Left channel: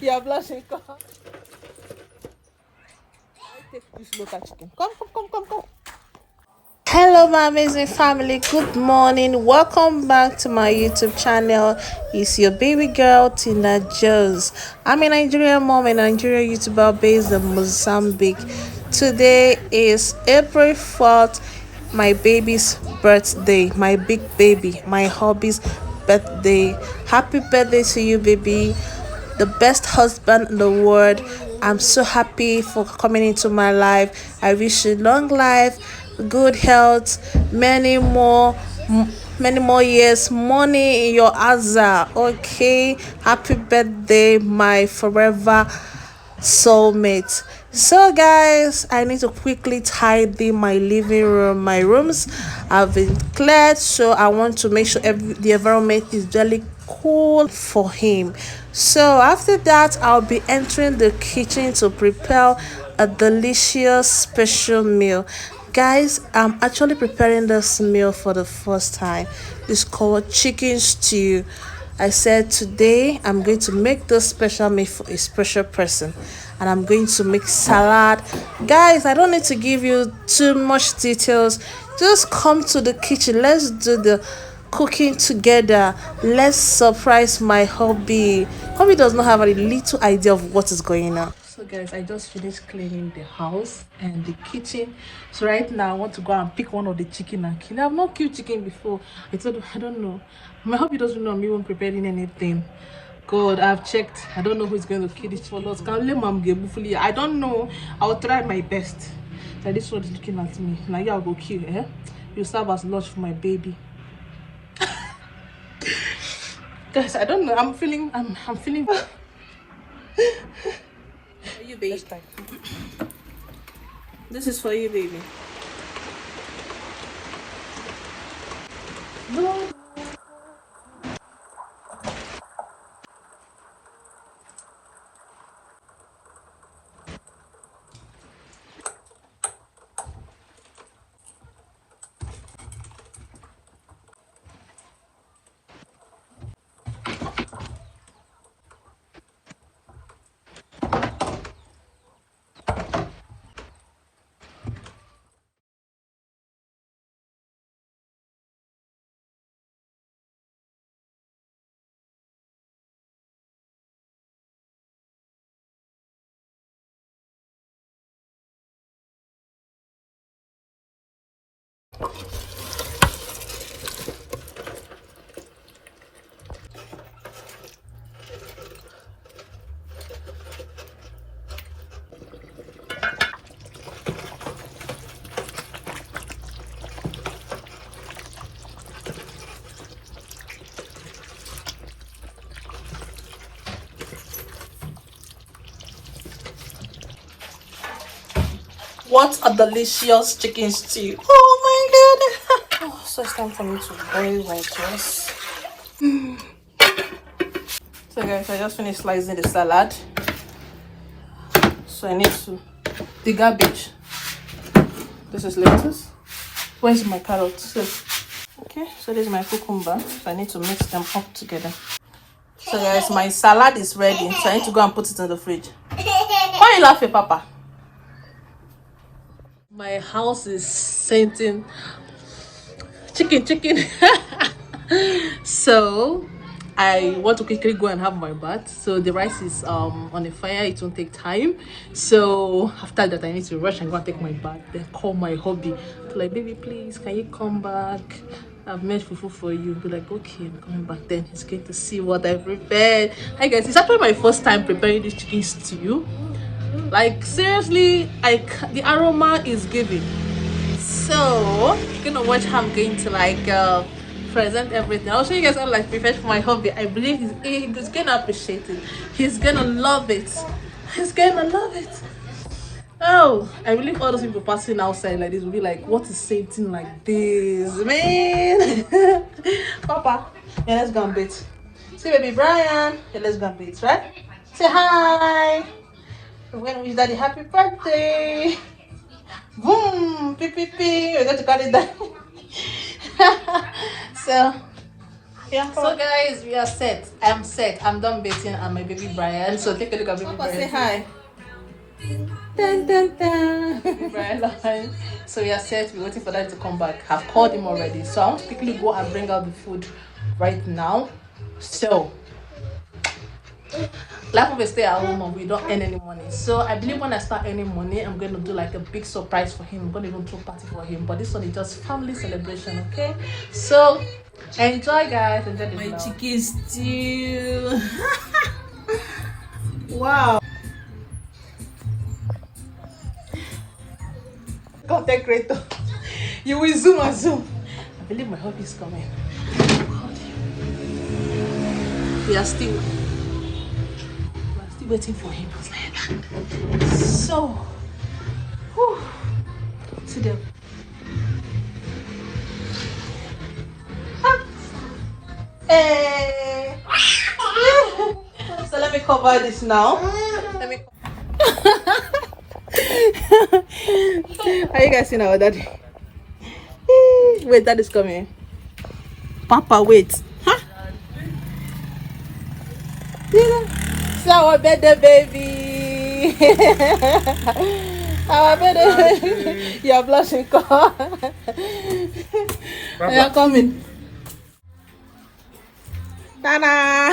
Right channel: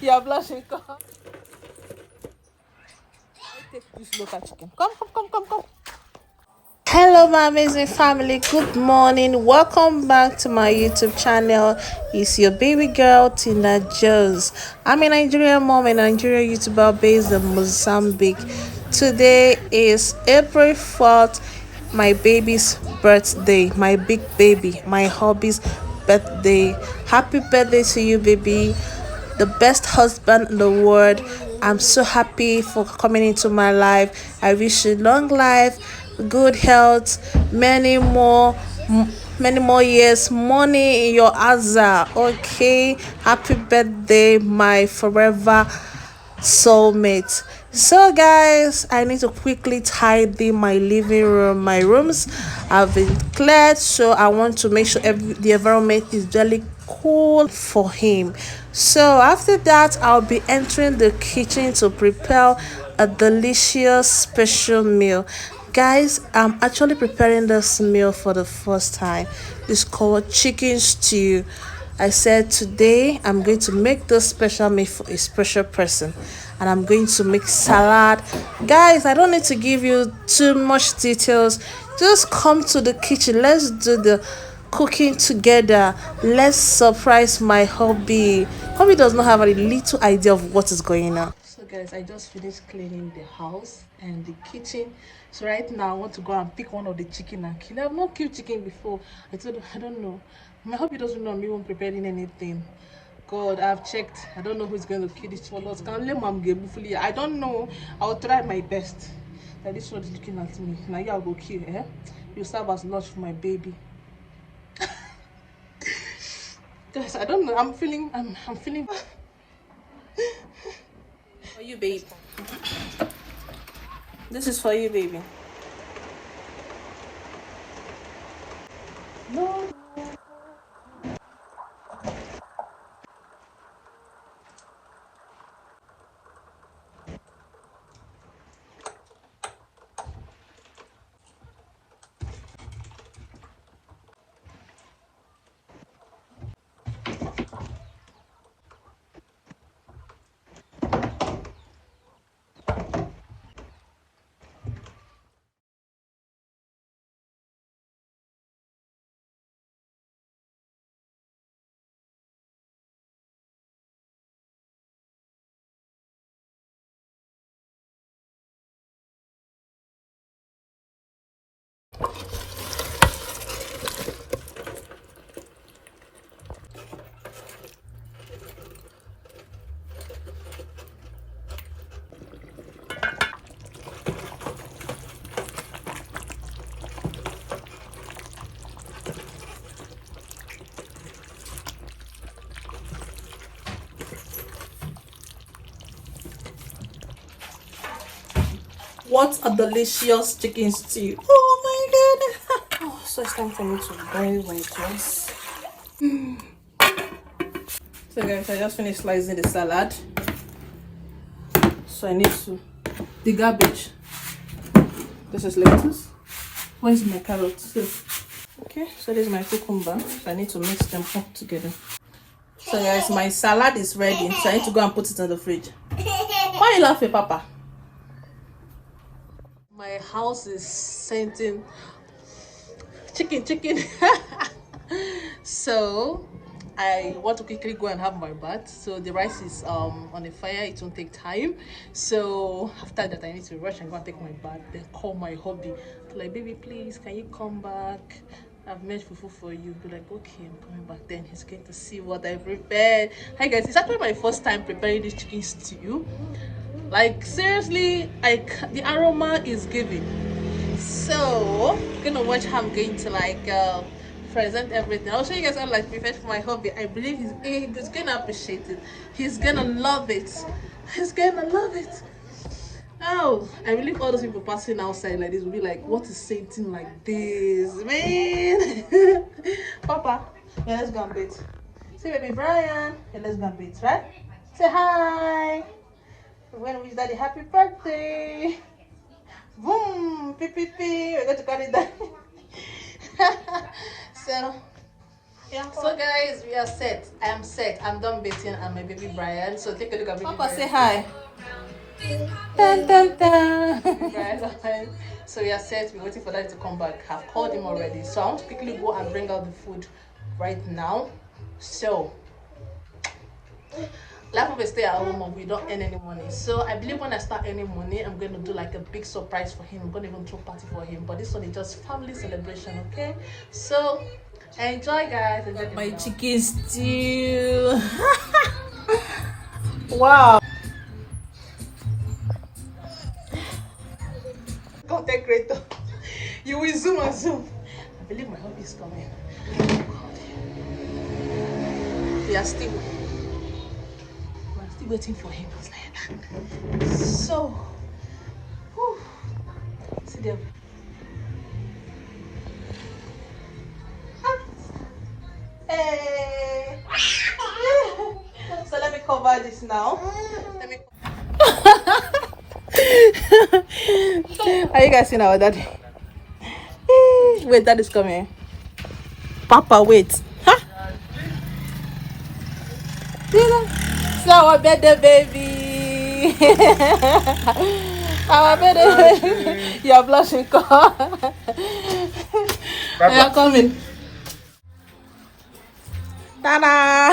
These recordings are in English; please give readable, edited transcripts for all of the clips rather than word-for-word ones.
You're blushing. Take this local chicken. Come. Hello my amazing family, good morning, welcome back to my YouTube channel. It's your baby girl Tina Jones. I'm a Nigerian mom and Nigerian YouTuber based in Mozambique. Today is April 4th, my baby's birthday, my big baby, my hubby's birthday. Happy birthday to you, baby, the best husband in the world. I'm so happy for coming into my life. I wish you long life, good health, many more years, money in your aza. Okay, happy birthday, my forever soulmate. So guys, I need to quickly tidy my living room. My rooms have been cleared, so I want to make sure the environment is really cool for him. So after that, I'll be entering the kitchen to prepare a delicious special meal. Guys, I'm actually preparing this meal for the first time. It's called chicken stew. I said today I'm going to make this special meal for a special person, and I'm going to make salad. Guys, I don't need to give you too much details. Just come to the kitchen. Let's do the cooking together. Let's surprise my hubby. Hubby does not have a little idea of what is going on. So guys, I just finished cleaning the house and the kitchen. So right now I want to go and pick one of the chicken and kill. I've not killed chicken before. I don't know. My hubby doesn't know I'm even preparing anything. God, I've checked. I don't know who's going to kill this for us. I don't know. I'll try my best. Like this one is looking at me. Now I'll go kill, eh? You serve as lunch for my baby. Guys, I don't know. I'm feeling for you, baby. This is for you, baby. No. What a delicious chicken stew. Oh my god. Oh, so it's time for me to boil my dress. So guys, I just finished slicing the salad. So I need to the garbage. This is lettuce. Where's my carrots? Okay, so this is my cucumber. So I need to mix them up together. So guys, my salad is ready. So I need to go and put it in the fridge. Why are you laughing, Papa? My house is scenting chicken. So I want to quickly go and have my bath. So the rice is on the fire. It won't take time. So after that, I need to rush and go and take my bath. Then call my hubby to like, baby, please, can you come back? I've made fufu for you. Be like, okay, I'm coming back. Then he's going to see what I prepared. Hi guys, it's actually my first time preparing this chicken stew. Like seriously, the aroma is giving. So you're gonna watch how I'm going to like present everything. I'll show you guys how like prepared for my hobby. I believe he's gonna appreciate it. He's gonna love it. He's gonna love it. Oh, I believe all those people passing outside like this will be like, what is Satan like this, man? Papa, yeah, let's go and beat. See baby Brian, yeah, let's go and beat, right? Say hi. We're gonna wish daddy happy birthday. Boom, pee. We're going to cut it down. So Yeah. So guys, we are set. I'm set. I'm done bathing and my baby Brian. So take a look at baby Brian. Say hi. Dun, dun, dun. Baby Brian. So we are set. We're waiting for that to come back. I've called him already. So I want to quickly go and bring out the food right now. So life of a stay at home mom, we don't earn any money. So I believe when I start earning money, I'm going to do like a big surprise for him. I'm going to even throw a party for him. But this one is just family celebration, okay? So enjoy, guys. Enjoy my chicken stew. Wow. Content creator. You will zoom and zoom. I believe my hubby is coming. We are still waiting for him. So, whew, see them. Hey. So let me cover this now. Let me. Are you guys seeing our daddy? Wait, daddy's coming. Papa, wait. Huh? See our birthday baby. Our birthday baby. You're blushing. You're coming. Ta-da!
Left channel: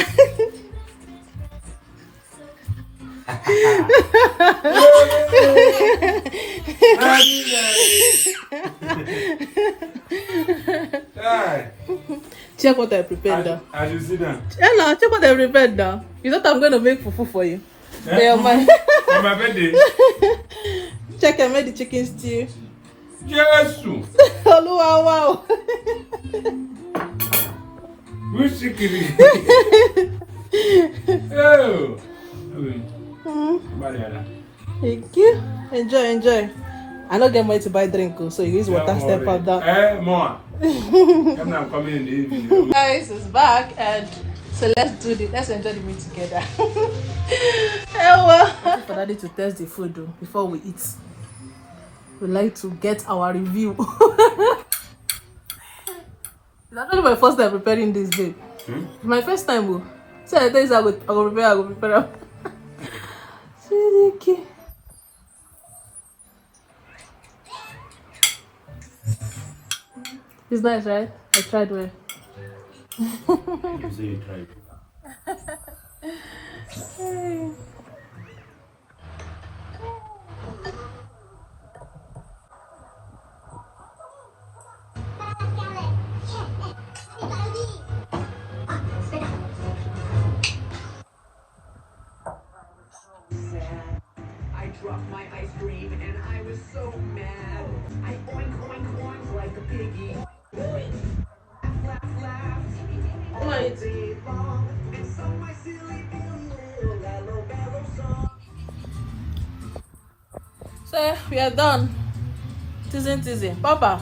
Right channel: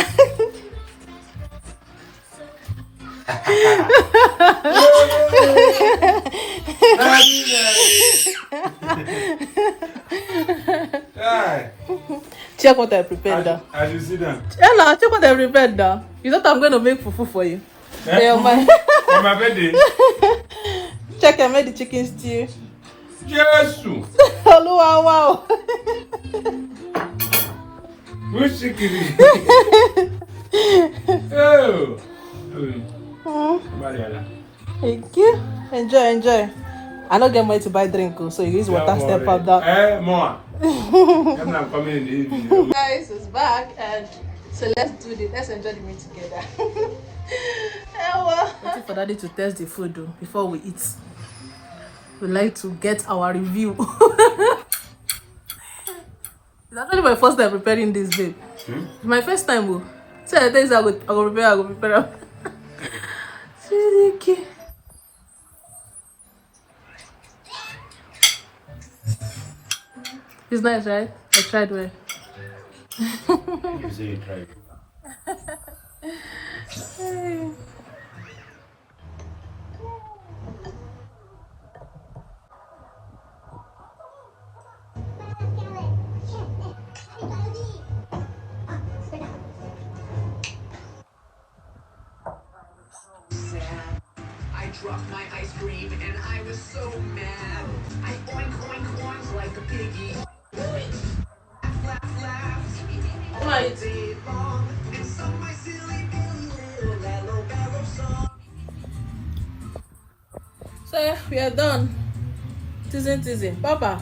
Check what I prepared now. As you sit down. Ella, check what I prepared now. You thought I'm going to make fufu for you. For my birthday? Check, I made the chicken stew. Yes! Hello, wow. Which chicken? Oh! Thank you. Enjoy. I don't get money to buy drink, so you use water step out that. More. I'm not coming in the evening. Guys, it's back, and so let's enjoy the meal together. Waiting for daddy to test the food though, before we eat. We'd like to get our review. It's actually my first time preparing this, babe. It's my first time, boo. So the things I go prepare. Okay. It's nice, right? I tried well. You say you tried. I dropped my ice cream and I was so mad. I oink oink oink like a piggy. Laugh laugh all day long and sung my silly little yellow barrel song. So we are done. Teasing. Papa.